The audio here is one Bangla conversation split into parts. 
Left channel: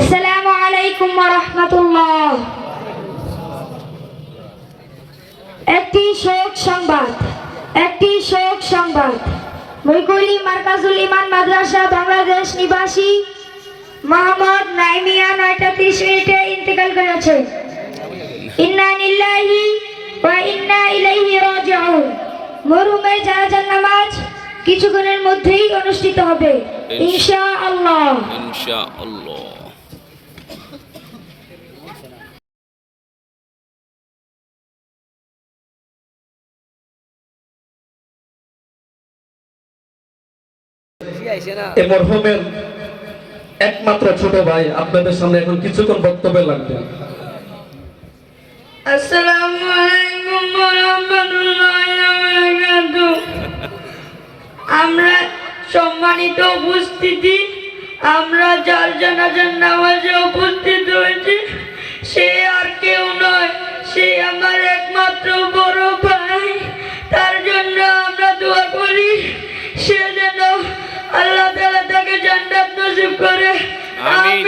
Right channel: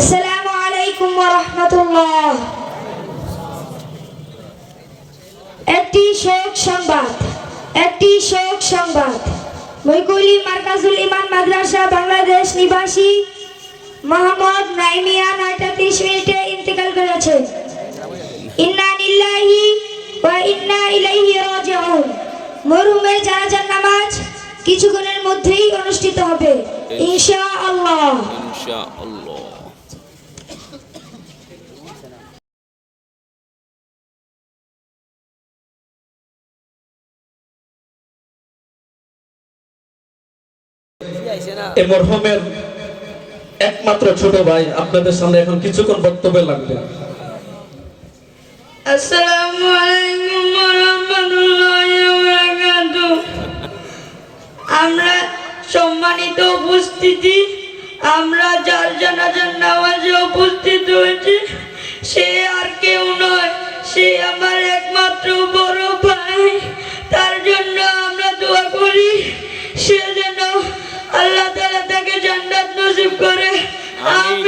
আসসালামু আলাইকুম ওয়া রাহমাতুল্লাহ। একটি শোক সংবাদ বৈকলি মার্কাজুল ইমান মাদ্রাসা বাংলাদেশ নিবাসী মোহাম্মদ নাইমিয়া 9:30 ইন্তেকাল করেছেন। ইন্না লিল্লাহি ওয়া ইন্না ইলাইহি রাজিউন। মরহুমের জানাজার নামাজ কিছুক্ষণের মধ্যেই অনুষ্ঠিত হবে ইনশাআল্লাহ। এই মরহুমের একমাত্র ছোট ভাই আপনাদের সামনে এখন কিছুক্ষণ বক্তব্য রাখবেন। আসসালামু আলাইকুম ওয়া রাহমাতুল্লাহি ওয়া বারাকাতুহু। আমরা সম্মানিত উপস্থিতি, আমরা যার জানাজার নামাজে উপস্থিত হয়েছি সে আর কেউ নয়, সে আমার একমাত্র বড় ভাই। তার জন্য আমরা দোয়া করি সে যেন আল্লাহ তাআলা তাকে জান্নাত নসিব করে। আমিন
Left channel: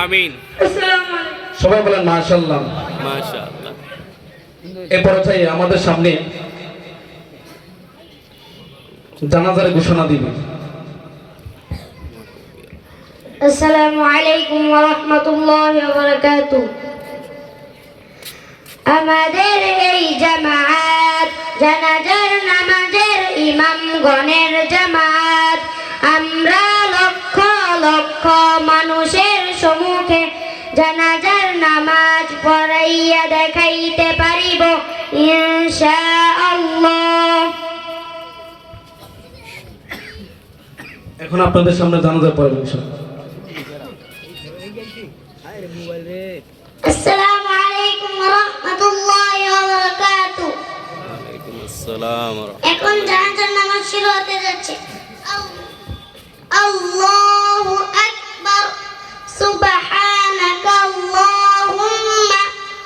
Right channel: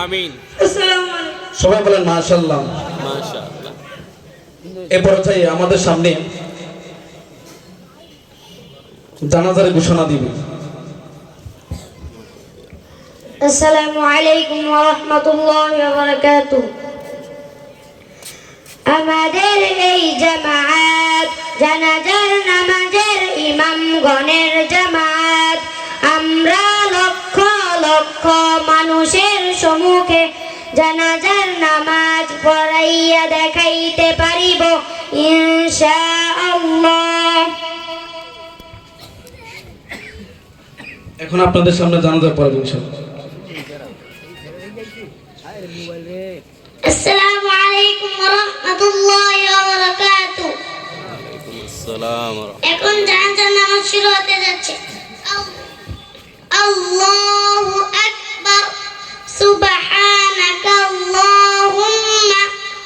আমিন। আসসালামু আলাইকুম। সবাই বলেন মাশাআল্লাহ। মাশাআল্লাহ। এই পর্যায়ে আমাদের সামনে জানাজার ঘোষণা দিবেন। আসসালামু আলাইকুম ওয়া রাহমাতুল্লাহি ওয়া বারাকাতুহু। আমাদের এই জামাত জানাজার নামাজের ইমামগণের জামাত, আমরা লক্ষ লক্ষ মানুষের সম্মুখে জানাজার নামাজ পড়াইয়া দেখাইতে পারিব ইনশাআল্লাহ। এখন আপনাদের সামনে জানাজা পড়বেন ইনশাআল্লাহ। আসসালামু আলাইকুম ওয়া রাহমাতুল্লাহি ওয়া বারাকাতুহু। ওয়ালাইকুম আসসালাম ওয়া রাহমাতুল্লাহ। এখন জানাজার নামাজ শুরু হতে যাচ্ছে। আল্লাহু আকবার। সুবহানাকা আল্লাহুম্মা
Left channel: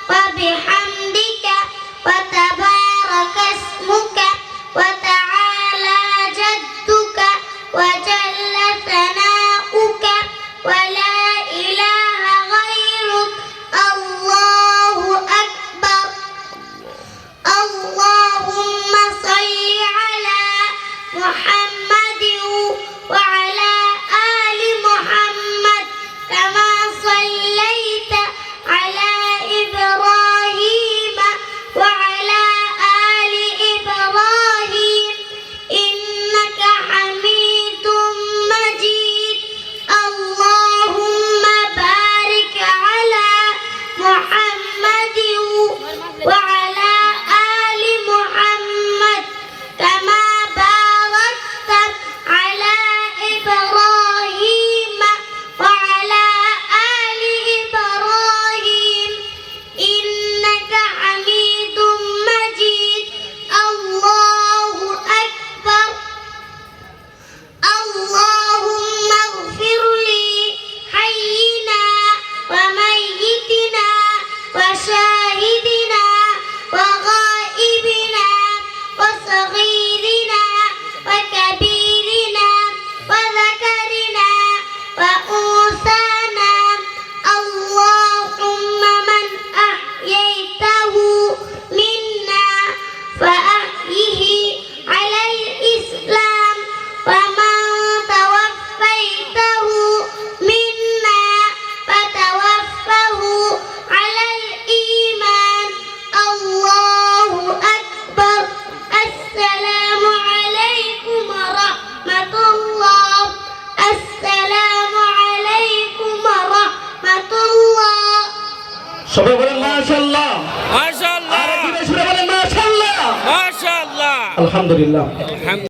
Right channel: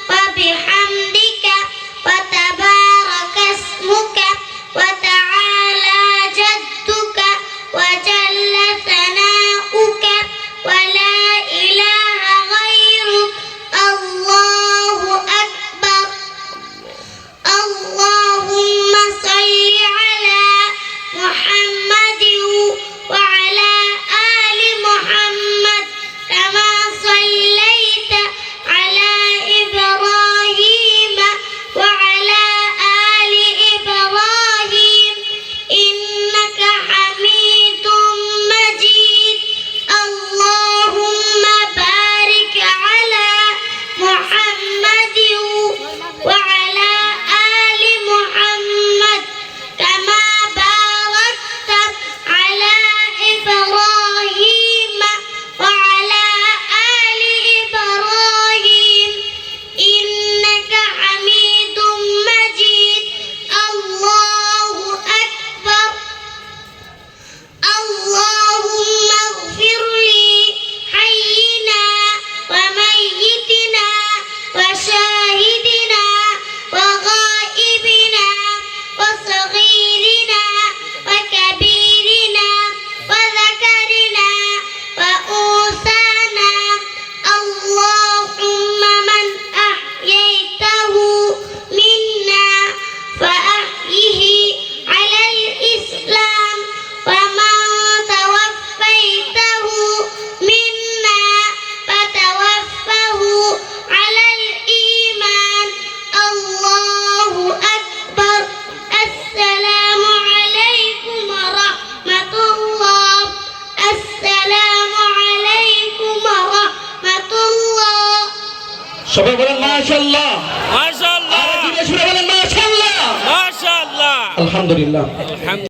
ওয়া বিহামদিকা ওয়া তাবারাকা ইসমুকা ওয়া তাআলা জাদ্দুকা ওয়া জাল্লা সানাউকা ওয়া লা ইলাহা গায়রুক। আল্লাহু আকবার। আল্লাহুম্মা সাল্লি আলা মুহাম্মাদিন ওয়া আলা আলি মুহাম্মাদ কামা সাল্লাইতা আলা ইব্রাহিম ওয়া আলা আলি ইব্রাহিম ইন্নাকা হামিদুম মাজিদ। আল্লাহুম্মা বারিক আলা মুহাম্মাদিন ওয়া আলা আলি মুহাম্মাদ কামা বারাকতা আলা ইব্রাহিম ওয়া আলা আলি ইব্রাহিম ইন্নাকা হামিদুম মাজিদ। আল্লাহু আকবার। আল্লাহুম্মা ইগফির লি হাইয়িনা ওয়া মাইয়িতিনা ওয়া শাহিদিনা ওয়া গায়িবিনা ওয়া সগীরিনা ওয়া কাবীরিনা ওয়া যাকারিনা ওয়া উনসানা। আল্লাহুম্মা মান আহইয়াইতাহু মিন্না ফাআহইহি আলাল ইসলাম ওয়া মান তাওয়াফাইতাহু মিন্না ফাতাওয়াফাহু আলাল ঈমান। আল্লাহু আকবার। আসসালামু আলাইকুম ওয়া রাহমাতুল্লাহ। আসসালামু আলাইকুম ওয়া রাহমাতুল্লাহ। সবাই বলেন মাশাআল্লাহ। মাশাআল্লাহ। সবাই বলেন মাশাআল্লাহ। মাশাআল্লাহ। আলহামদুলিল্লাহ। আলহামদুলিল্লাহ।